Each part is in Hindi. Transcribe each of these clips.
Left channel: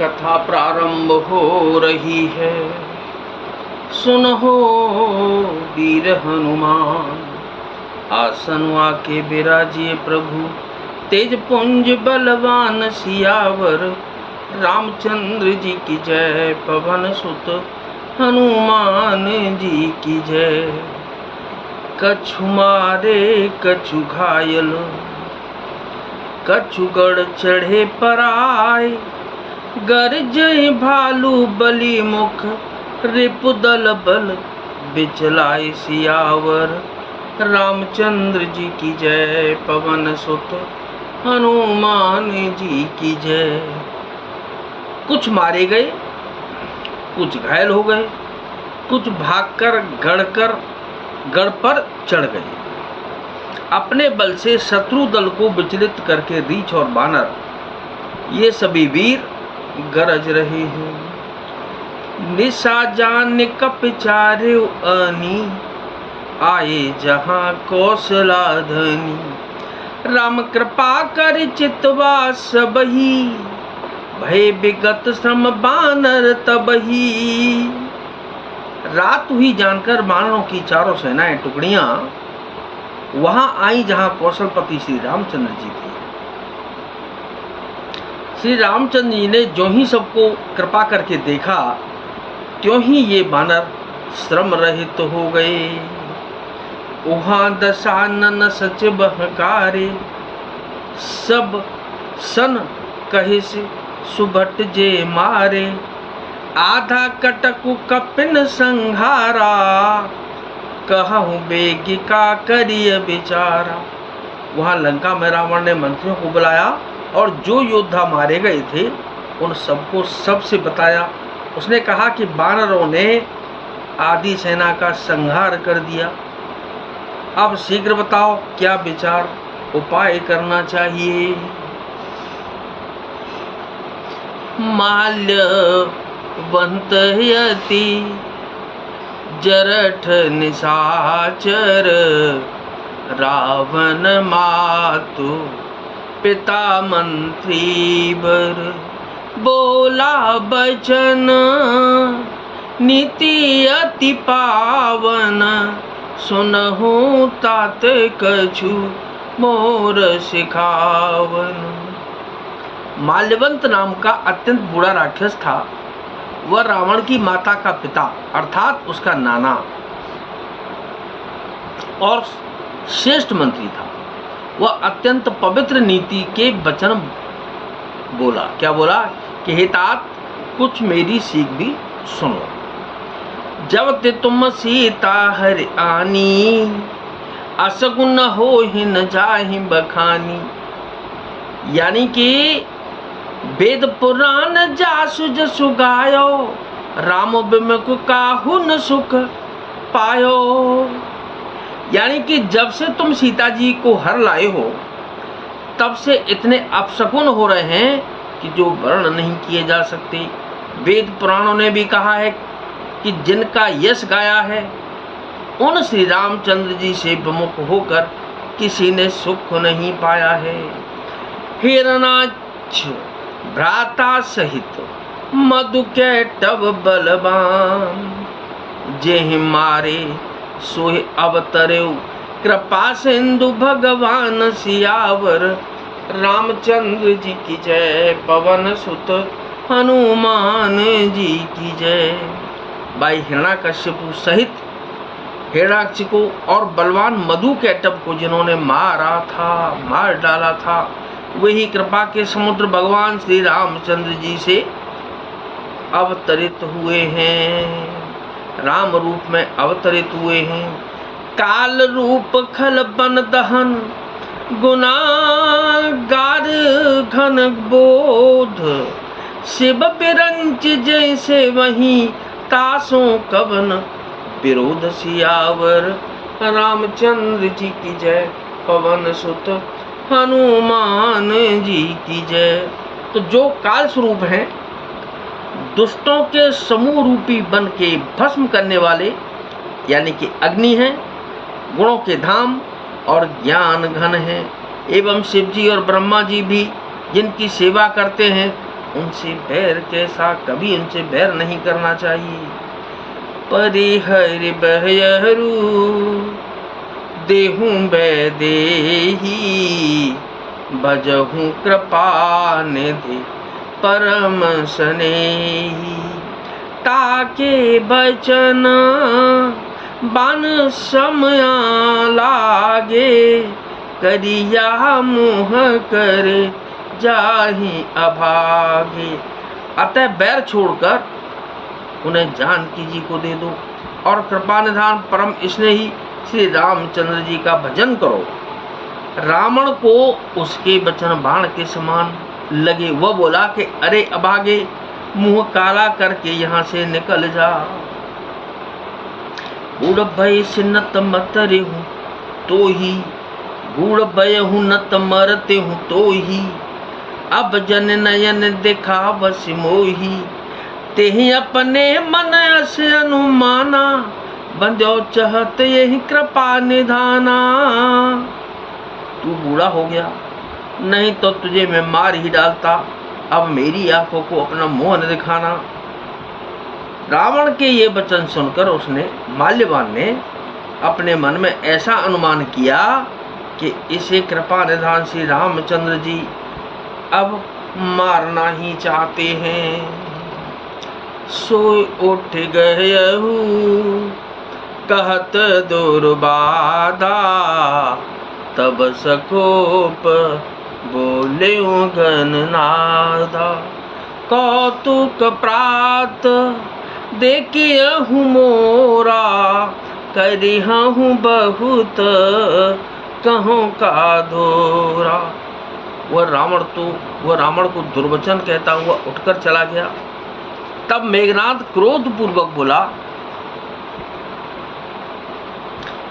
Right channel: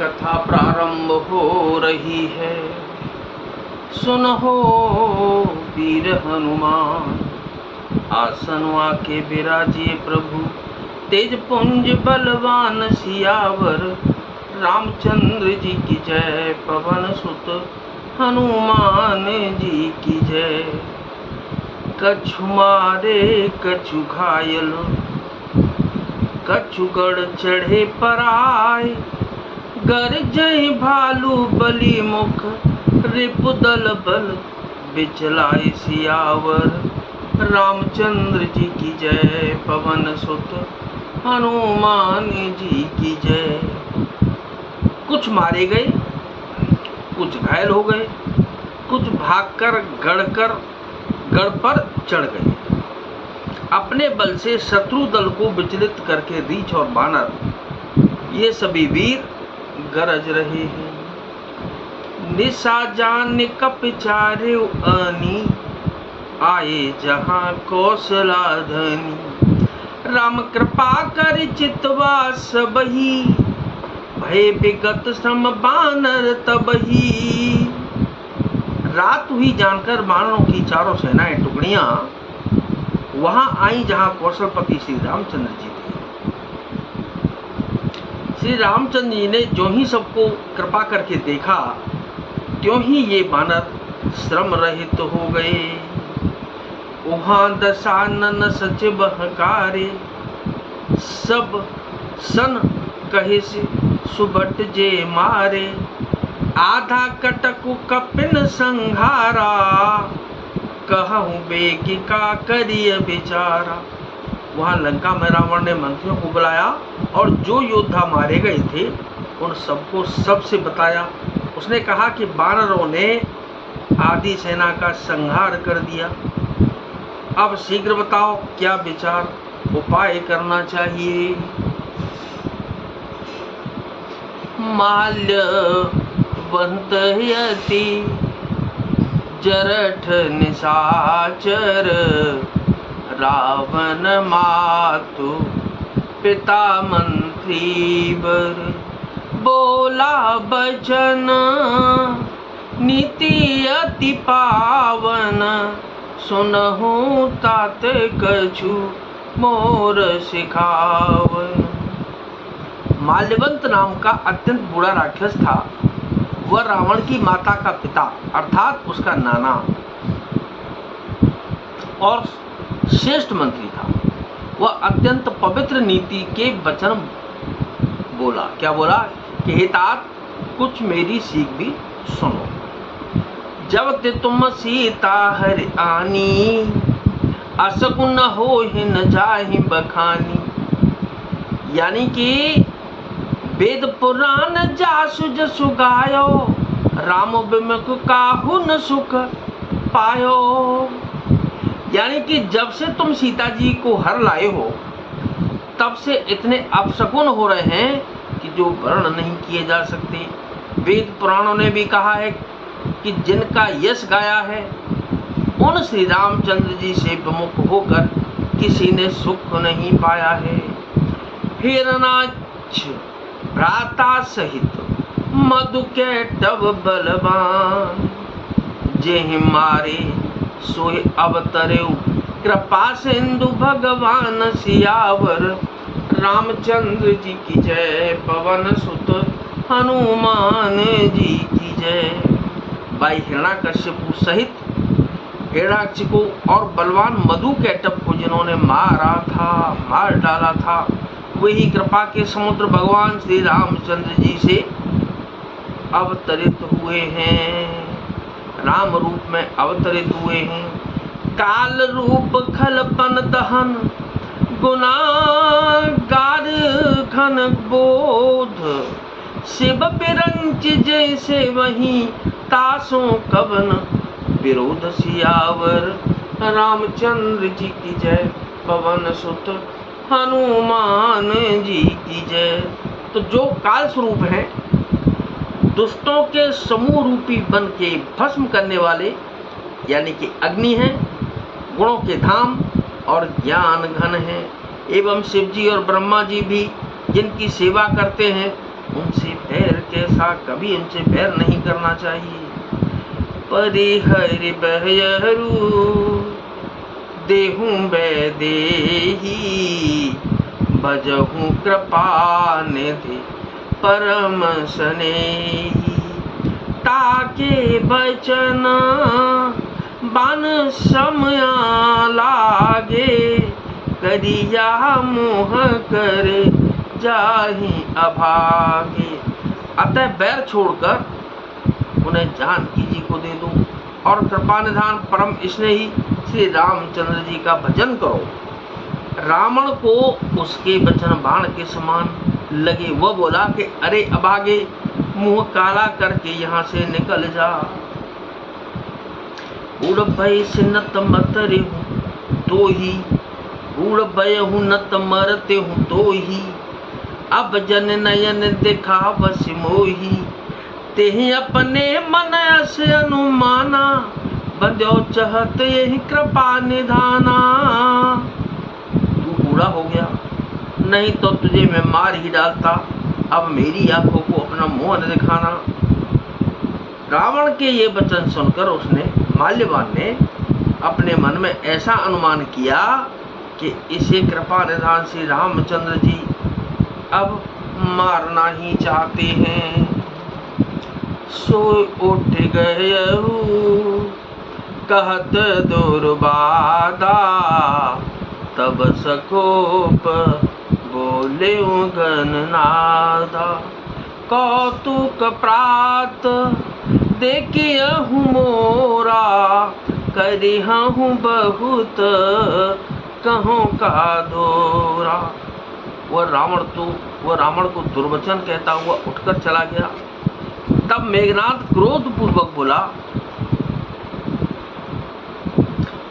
कथा प्रारंभ हो रही है। सुनहो वीर हनुमान, आसन आके विराजिए प्रभु। तेज पुंज बलवान सियावर, रामचंद्र जी की जय। पवन सुत हनुमान जी की जय। कछु मारे कछु घायल, कछु गढ़ चढ़े पराय। गरजय भालू बलि मुख, रिपुदल बल बिचलाय। सियावर रामचंद्र जी की जय। पवन सुत हनुमान जी की जय। कुछ मारे गए, कुछ घायल हो गए, कुछ भागकर गढ़ पर चढ़ गए। अपने बल से शत्रु दल को विचलित करके रीछ और बानर, ये सभी वीर गरज रहे हैं। निशा जान कप चारे आनी, आए जहां कौशला धनी। राम कृपा कर चितवा सबही, भय विगत सम बानर तबही। रात हुई जानकर बानरों की चारों सेनाएं टुकड़ियां वहां आई जहां कौशलपति श्री रामचंद्र जी थे। श्री रामचंद्र जी ने जो ही सबको कृपा करके देखा, त्यों ही ये बानर श्रम रहित हो गए। वहां दशानन सचिव हकारे, सब सन कहे से सुबट जे मारे। आधा कटकु कपिन संहारा, कहूँ बेगी का करिय विचारा। वहां लंका में रावण ने मंत्रियों को बुलाया और जो योद्धा मारे गए थे उन सबको सबसे बताया। उसने कहा कि बानरों ने आदि सेना का संहार कर दिया। अब शीघ्र बताओ क्या विचार उपाय करना चाहिए। माल्यवंत यति जरठ निशाचर, रावण मातु पिता मंत्री बर। बोला बचन नीति अति पावन, सुनहु तात कछु मोर सिखावन। माल्यवंत नाम का अत्यंत बुरा राक्षस था। वह रावण की माता का पिता अर्थात उसका नाना और श्रेष्ठ मंत्री था। वह अत्यंत पवित्र नीति के वचन बोला। क्या बोला कि हे तात, कुछ मेरी सीख भी सुनो। जब ते तुम सीता हर आनी, असगुन हो ही न जाहि बखानी। यानी कि वेद पुराण जासु जसु गायो, राम विमुख काहु न सुख पायो। यानी कि जब से तुम सीता जी को हर लाए हो, तब से इतने अपशकुन हो रहे हैं कि जो वर्ण नहीं किए जा सकते। वेद पुराणों ने भी कहा है कि जिनका यश गाया है, उन श्री रामचंद्र जी से विमुख होकर किसी ने सुख नहीं पाया है। हिरणाक्ष भ्राता सहित मधु के टब बलवान, जेहि मारे सोहि अवतरे कृपा सिंधु भगवान। सियावर रामचंद्र जी की जय। पवन सुत हनुमान जी की जय। भाई हिरण्याकश्यपु सहित हिरणाक्ष को और बलवान मधु कैटभ को जिन्होंने मार डाला था, वही कृपा के समुद्र भगवान श्री रामचंद्र जी से अवतरित हुए हैं, राम रूप में अवतरित हुए हैं। काल रूप खलपन दहन, गुनागार घन बोध। शिव पिरंच जैसे वहीं, तासों कवन विरोध। सियावर रामचंद्र जी की जय। पवन सुत हनुमान जी की जय। तो जो काल स्वरूप हैं, दुष्टों के समूह रूपी बन के भस्म करने वाले, यानी कि अग्नि हैं, गुणों के धाम और ज्ञान घन हैं। एवं शिव जी और ब्रह्मा जी भी जिनकी सेवा करते हैं, उनसे बैर कैसा, कभी उनसे बैर नहीं करना चाहिए। परिहरि बहयरु देहूं बैदेही, भजहूं कृपा निधि परम स्नेही। ताके बचन बान समया लागे, करिया मोह करे जाहि अभागे। अतः बैर छोड़कर उन्हें जानकी जी को दे दो और कृपा निधान परम स्नेही श्री रामचंद्र जी का भजन करो। रावण को उसके वचन बाण के समान लगे। वह बोला कि अरे अभागे, मुंह काला करके यहाँ से निकल जा। बूढ़ भय से नत मतरे हूँ तो ही, बूढ़ भय हूँ नत मरते हूँ तो ही, अब जन नयन देखा बस मोही। तेहि अपने मन अस अनुमाना, बंध्यो चहत यही कृपा निधाना। तू बूढ़ा हो गया, नहीं तो तुझे मैं मार ही डालता। अब मेरी आंखों को अपना मुंह न दिखाना। रावण के ये वचन सुनकर उसने, माल्यवान ने अपने मन में ऐसा अनुमान किया कि इसे कृपा निधान श्री रामचंद्र जी अब मारना ही चाहते हैं। सो उठ गयहु कहत दुर्बाधा, तब सकोप बोले गणनादा। कौतुक प्रात देखियहु मोरा, करिहु बहुत कहूँ का दोरा। वह रावण को दुर्वचन कहता हुआ उठकर चला गया। तब मेघनाद क्रोध पूर्वक बोला,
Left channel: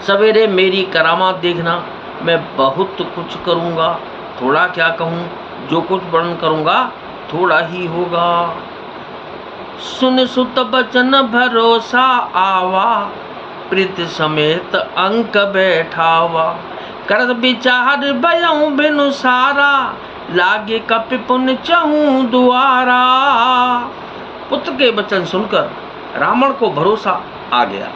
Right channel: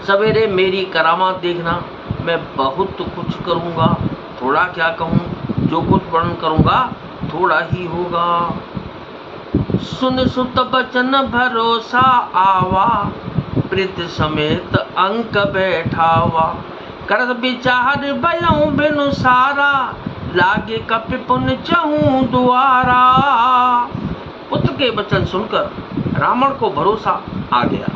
सवेरे मेरी करामात देखना, मैं बहुत कुछ करूंगा। थोड़ा क्या कहूँ, जो कुछ वर्णन करूंगा थोड़ा ही होगा। सुन सुत बचन भरोसा आवा, प्रीत समेत अंक बैठावा। करत विचार भयउ बिनु सारा, लागे कपि पुण्य चहूँ दुआरा। पुत्र के वचन सुनकर रावण को भरोसा आ गया।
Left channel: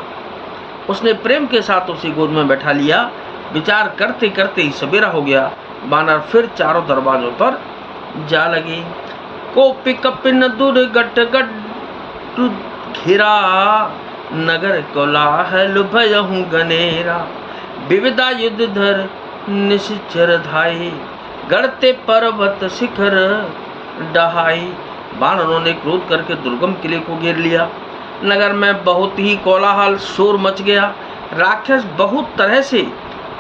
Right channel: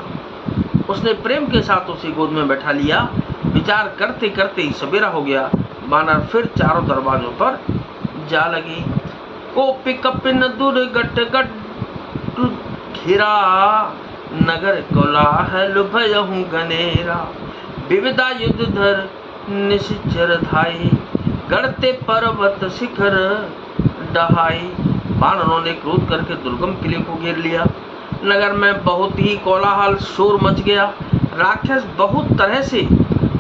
उसने प्रेम के साथ उसे गोद में बैठा लिया। विचार करते करते ही सवेरा हो गया। बानर फिर चारों दरवाजों पर जा लगे। कोपि कपिन दुर्गट गट घिरा, नगर कोलाहल भयहु गनेरा। विविधा युद्ध धर निश्चर धाई, गढ़ते पर्वत शिखर डहाई। बानरों ने क्रोध करके दुर्गम किले को घेर लिया। नगर में बहुत ही कोलाहल शोर मच गया। राक्षस बहुत तरह से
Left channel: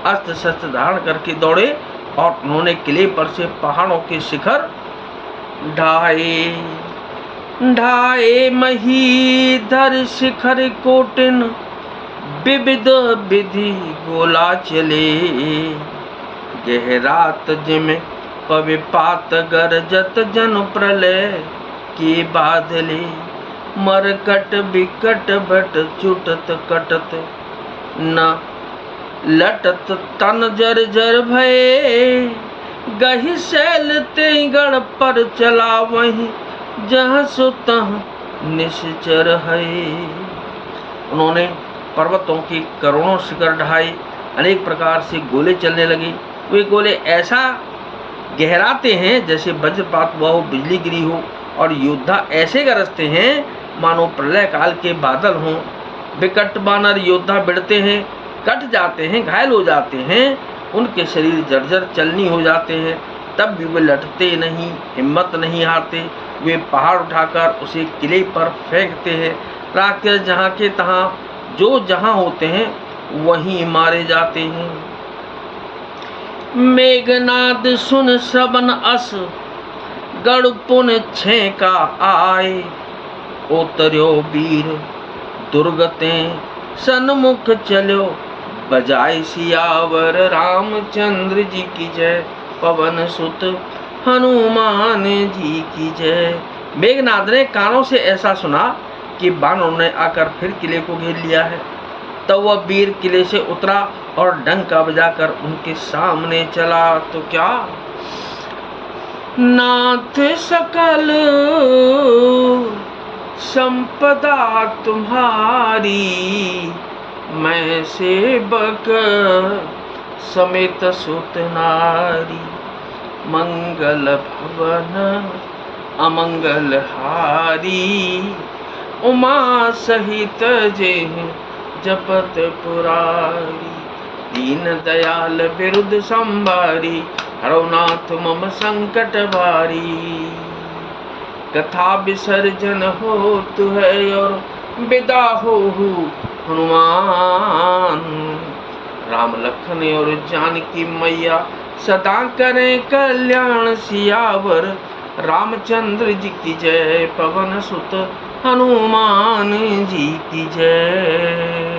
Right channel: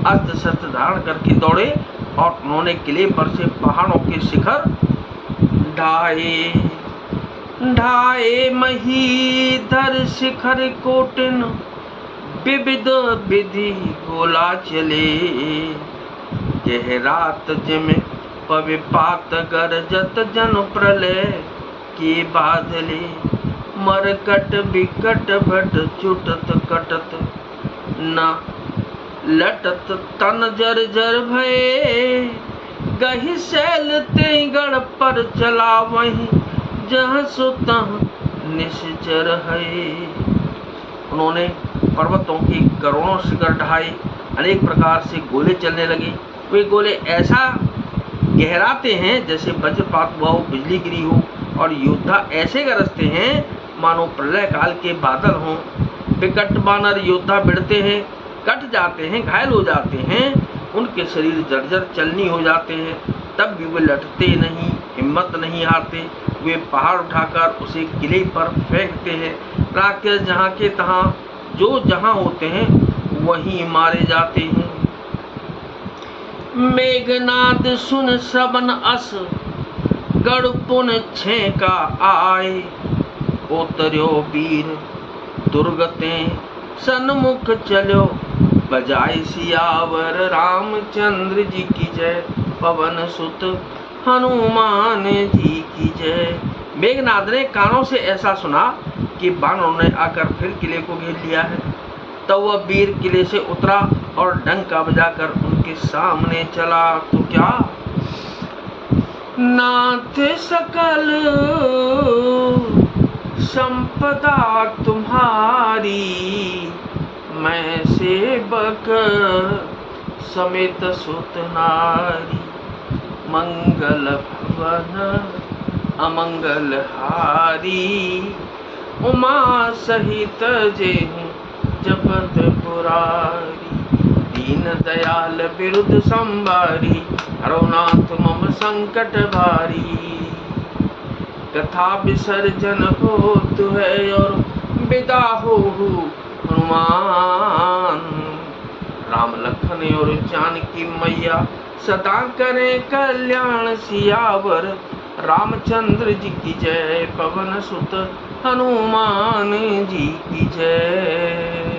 अस्त्र शस्त्र धारण करके दौड़े और उन्होंने किले पर से पहाड़ों के शिखर ढाए। ढाए महीधर शिखर कोटिन, विविध विधि गोला चले। गहरात जिम पविपात गरजत जन प्रलय के बादले। मरकट बिकट भट चुटत कटत, न लटत तन जर जर भये। गही शैल ते गढ़ पर चला वहीं, जहाँ सो तहाँ निश्चर है। उन्होंने पर्वतों की करोड़ों शिखर ढाए। अनेक प्रकार से गोले चलने लगे। वे गोले ऐसा गहराते हैं जैसे वज्रपात हुआ हो, बिजली गिरी हो, और योद्धा ऐसे गरजते हैं मानो प्रलय काल के बादल हों। विकट बानर योद्धा भिड़ते हैं, कट जाते हैं, घायल हो जाते हैं, उनके शरीर जर्जर चलनी हो जाते हैं। तब भी वे लटते नहीं, हिम्मत नहीं हारते। वे पहाड़ उठाकर उसे किले पर फेंकते हैं। राक्षस जहाँ के तहाँ जो जहाँ होते हैं वहीं मारे जाते हैं। मेघनाद सुन श्रवण अस, गढ़ पुन छेका आए। उतर्यो वीर दुर्गते सन्मुख चलो, बजाय सियावर रामचंद्र जी की जय। पवन सुत हनुमान जी की जय। मेघनाद ने कानों से ऐसा सुना कि बानरों ने आकर फिर किले को घेर लिया है। तब वह वीर किले से उतरा और डंका बजाकर उनके सामने चला। तो क्या नाथ सकल संपदा तुम्हारी, मैं सेवक समेत सुत नारी। मंगल भवन अमंगल हारी, उमा सहित जे जपत पुरारी। दीन दयाल बिरुद संभारी, हरनाथ मम संकट भारी। कथा विसर्जन होत है और विदा हो हनुमान। राम लखन और जानकी मैया सदा करें कल्याण सियावर। रामचंद्र जी की जय, पवन सुत हनुमान जी की जय।